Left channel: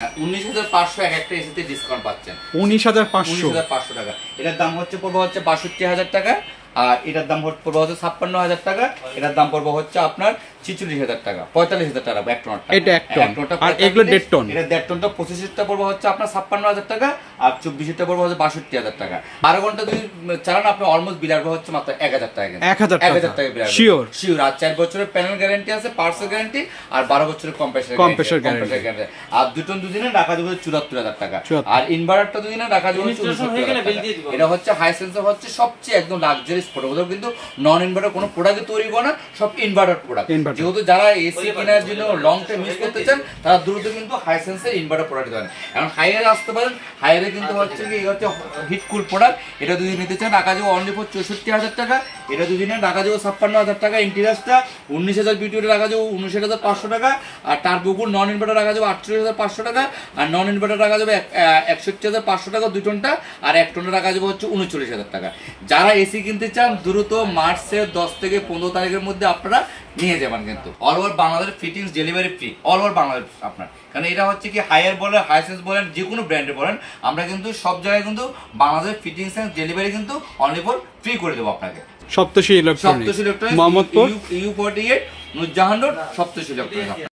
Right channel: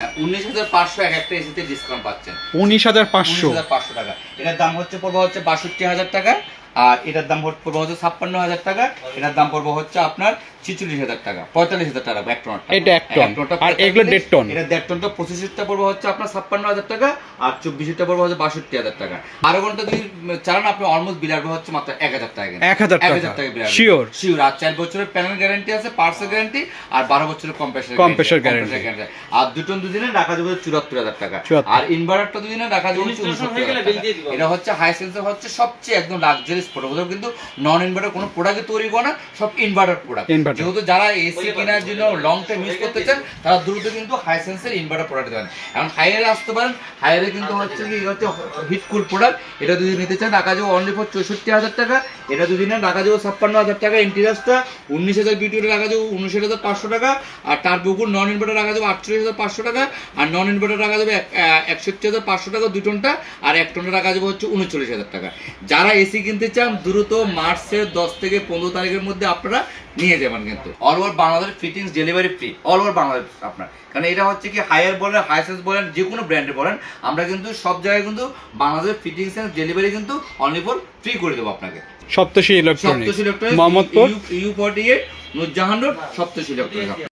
19,500 এক একটা এসিতে ডিসকাউন্ট পাচ্ছেন। 19,500 টাকা। এটার দাম পড়বে 62,000 টাকা। আর এটার দাম পড়বে 56,000 টাকা। এটার দাম পড়বে আপনার 46,000 টাকা, 45,000 টাকা এক টন। এটা এক টন। আর এগুলো 1.5 টন। এটা 1.5 টনটা 25টা পড়বে আপনার 56,000 টাকা। আর 24টা পড়বে 62,000 টাকা। 12 ঘন্টা যদি চালান আপনি অলমোস্ট বিল আসবে মাত্র 1,000 টাকা। 1,000 টাকা বিল আসবে। শিওর। আর 4 বছরের প্যানেল গ্যারান্টি আছে, পার্টসের গ্যারান্টি, আর 12 বছরের কম্প্রেসর গ্যারান্টি। আর 2 টন দুদিনে রাখা যাবে 74,000 টাকা। আর ইনভার্টারটা দুদিনে রাখা যাবে 69,000 টাকা। এটা হাইসেন্সের সবচেয়ে একদম লাক্সারিয়াস প্রোডাক্ট, কিন্তু নন ইনভার্টার কোনো প্রোডাক্ট তৈরি করে না, সব ইনভার্টার প্রোডাক্ট। যেহেতু যারা এসি কেনার জন্য লং টাইম ইউজ করতে চান তারা দ্রুত কিন্তু হাইসেন্সের ইনভার্টার প্রোডাক্ট দেন। এখন হাইয়ারে আসতে পারেন। হাইয়ারে কিন্তু হিট কুল প্রোডাক্ট। এটা দুদিন নিতে চান রাখা যাবে অনলি ফর 64,000 টাকা। এটা দুদিনে রাখা যাবে 56,000 টাকা। ইন্টিরিয়াসটা 19,000, বিউটিটা রাখা যাবে 19,500 টাকা। আর তার বুকুর নন ইনভার্টার রাখা যাবে 48,500 টাকা। আর নন ইনভার্টার রাখা যাবে 61,500 টাকা 2 টনটা। আর 1 টনটা রাখা যাবে 39,000 টাকা। যারা এসি কিনতে চান দ্রুত মার্চের 10 থেকে 15 তারিখের মধ্যে আপনারা নিয়ে যাবেন। কিন্তু all over Bangladesh fittings delivery free, all over Bangladesh আপনার। কারণ এটা কি হায়ার বলেন, হাইসেন্স বলেন, যে কোনো ব্র্যান্ডে বলেন, আমরা কিন্তু সব জায়গায় কিন্তু বাংলাদেশ ফিটিংস এন্ড ডেলিভারি কিন্তু অনলি ফর ফ্রি করে দেবো আপনাকে। Saptarshi electronics, Mohammadpur, U48 Noorjahan road, Saptarshi electronics.